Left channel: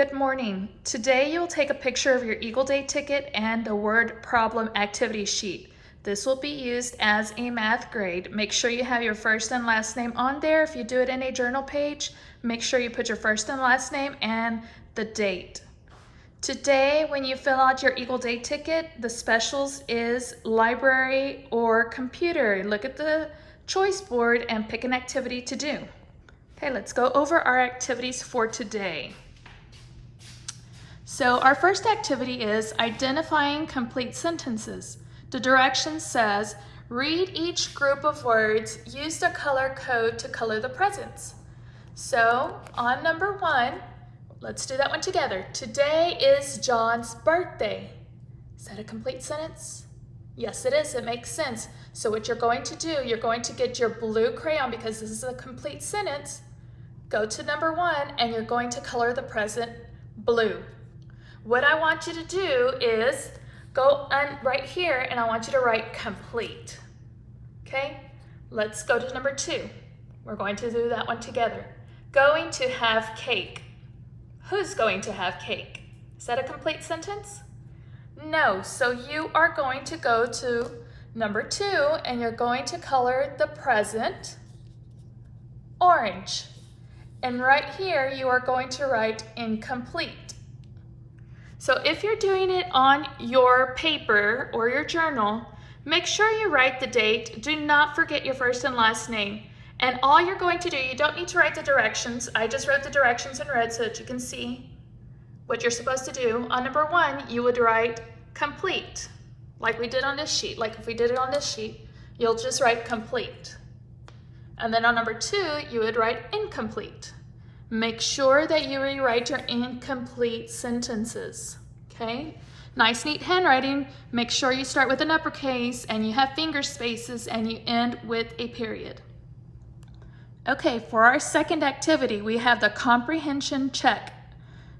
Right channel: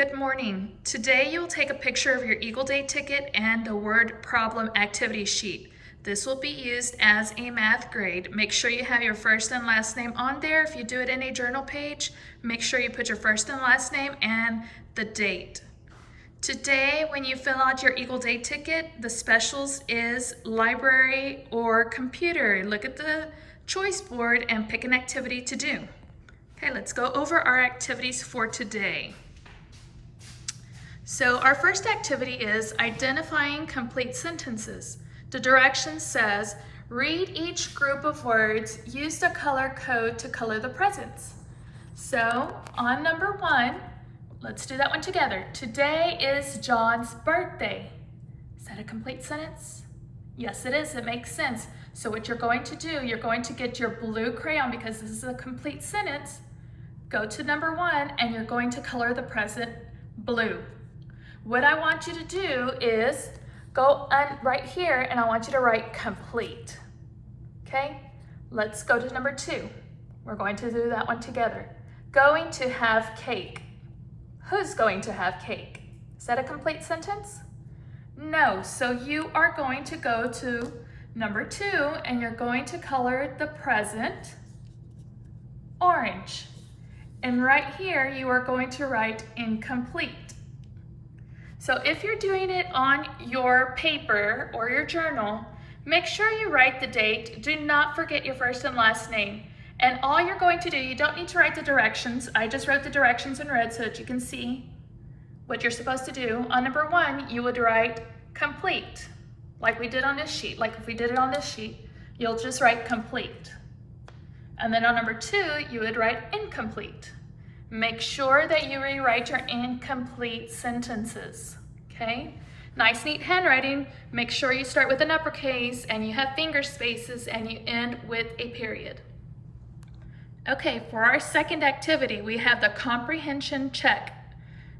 Good morning. Today you'll take a picture of your Eagle Day ticket and the word problem activity sheet. This will be used as a math grade. Make sure you have your first and last name on there. If you do it in a journal page, make sure you put your first and last name and the date. Today, when you fill out your Eagle Day ticket, the specials is library or computer. Look at the choice board and pick an activity to do. Okay, let's go over our activities for today. So our first activity is identifying complete sentences. The direction says, read each group of words, use the color code to color the presents. So on number 1, let's do that one together. Today is John's birthday. Is that a complete sentence? Yes, it is. It makes sense. So what you're going to do, you're going to get your blue crayon because this is a complete sentence. Go to number 1 and you're going to color the present blue. What I want you to do is go right here and I want you to write complete. Okay, let's go to number 2. We're going to do that one together. Going to have cake. Who's going to have cake? Is that a complete sentence? No, so you are going to go to number 2 and you're going to color the present orange. And right here you are going to write incomplete. So if you're doing it on your paper or your journal, make sure you write the date. Do not forget your first and last name. And all you're going to do, you don't need to write the directions. I just wrote the directions in red so that you can see what you're supposed to do. On number 1, you would write complete, like we did on this sheet. Like if we did it on this sheet, you'll just write complete. And then on number 2, you would write incomplete. Make sure that you rewrite your incomplete sentences, okay? Nice, neat handwriting. Make sure you start with an uppercase and you have finger spaces and you end with a period. Okay, for our second activity, we have the comprehension check,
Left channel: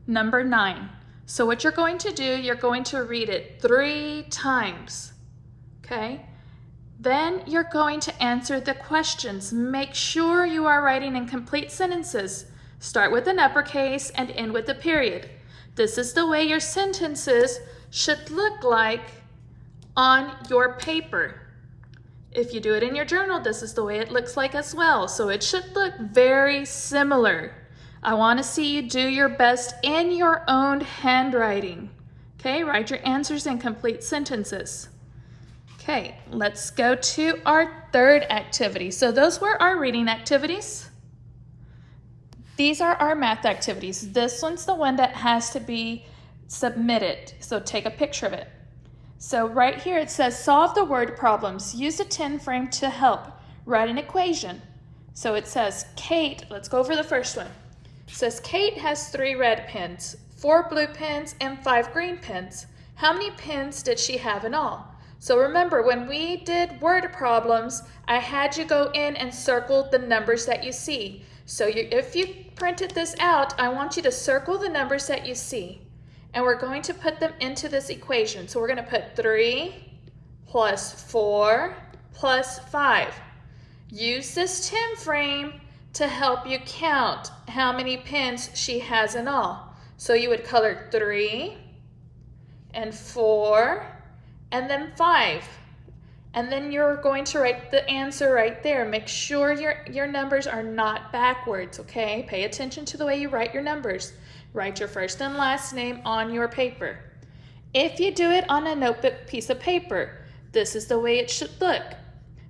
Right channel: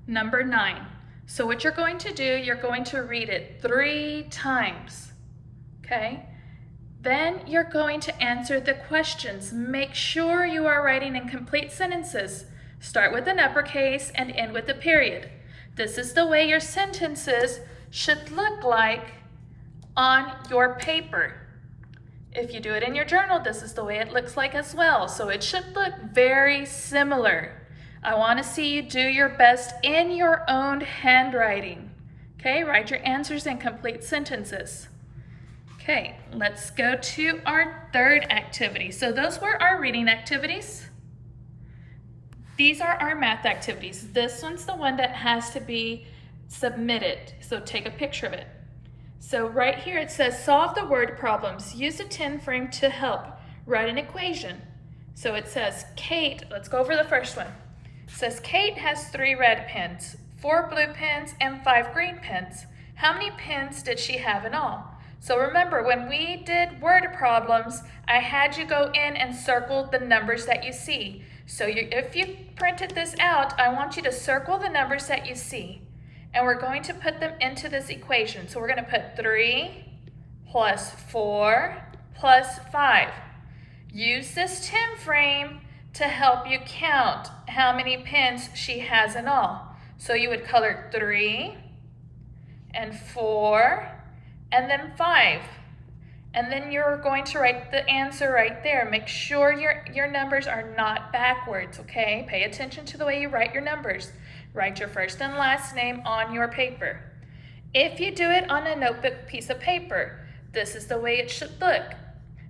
number 9. So what you're going to do, you're going to read it 3 times, okay? Then you're going to answer the questions. Make sure you are writing in complete sentences. Start with an uppercase and end with a period. This is the way your sentences should look like on your paper. If you do it in your journal, this is the way it looks like as well. So it should look very similar. I want to see you do your best in your own handwriting. Okay, write your answers in complete sentences. Okay, let's go to our third activity. So those were our reading activities. These are our math activities. This one's the one that has to be submitted, so take a picture of it. So right here it says solve the word problems. Use a 10 frame to help. Write an equation. So it says Kate, let's go over the first one. It says Kate has 3 red pens, 4 blue pens, and 5 green pens. How many pens did she have in all? So remember, when we did word problems, I had you go in and circle the numbers that you see. So if you printed this out, I want you to circle the numbers that you see. And we're going to put them into this equation. So we're going to put 3 plus 4 plus 5. Use this 10 frame to help you count how many pens she has in all. So you would color 3 and 4 and then 5. And then you're going to write the answer right there. Make sure your numbers are not backwards, okay? Pay attention to the way you write your numbers. Write your first and last name on your paper. If you do it on a notebook piece of paper, this is the way it should look.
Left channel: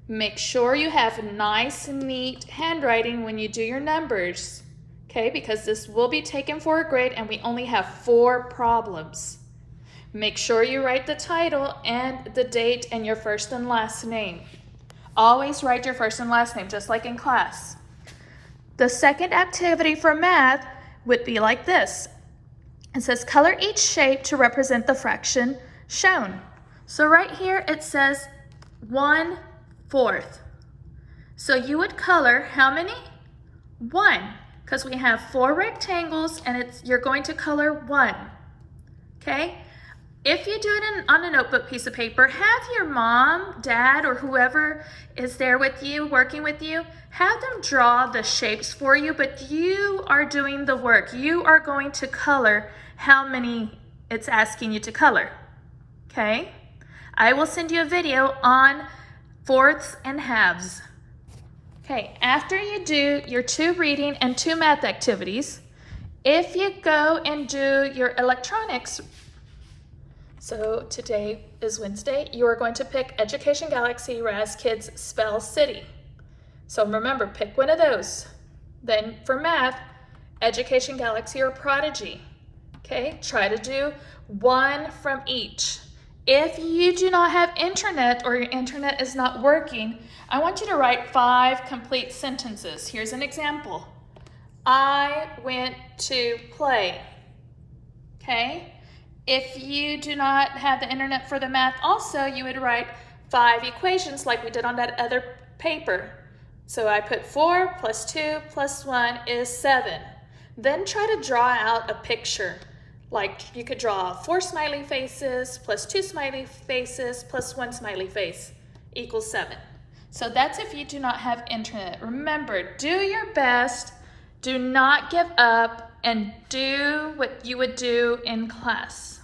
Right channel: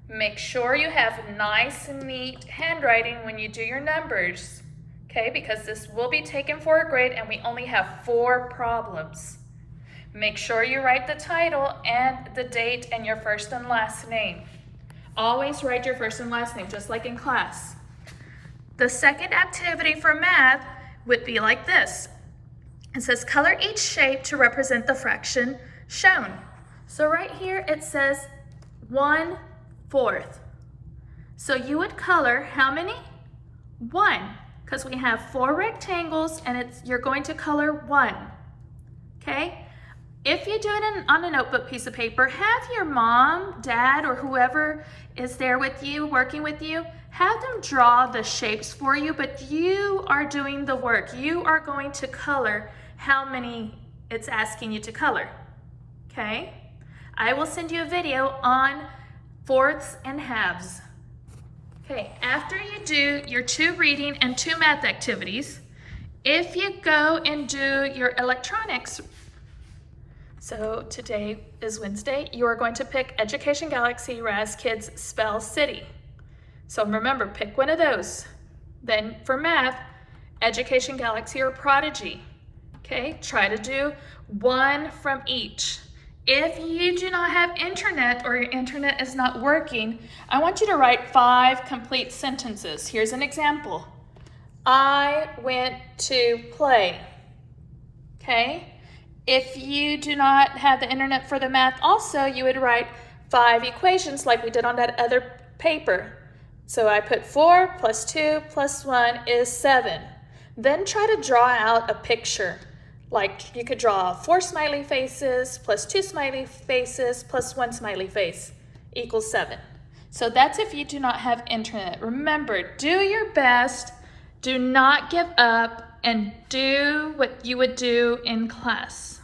Make sure you have nice, neat handwriting when you do your numbers, okay? Because this will be taken for a grade and we only have 4 problems. Make sure you write the title and the date and your first and last name. Always write your first and last name, just like in class. The second activity for math would be like this. It says color each shape to represent the fraction shown. So right here it says 1/4. So you would color how many? 1, because we have 4 rectangles and you're going to color 1, okay? If you do it on a notebook piece of paper, have your mom, dad, or whoever is there with you, working with you, have them draw the shapes for you, but you are doing the work. You are going to color how many it's asking you to color, okay? I will send you a video on fourths and halves. Okay, after you do your 2 reading and 2 math activities, if you go and do your electronics, so today is Wednesday, you are going to pick Education Galaxy Raz Kids Spell City. So remember, pick one of those. Then for math, Education Galaxy or Prodigy. Okay, try to do 1 from each. If you do not have internet or your internet is not working, I want you to write 5 complete sentences. Here's an example. I went to play. Okay? If you do not have the internet for the math also, you would write 5 equations like we did on that other paper. So I put 4 plus 2 plus 1 is 7. Then try to draw out a picture. Like you could draw 4 smiley faces plus 2 smiley faces plus 1 smiley face equals 7. So that's if you do not have internet. Remember, do your best, do not give up, and do what you would do in class.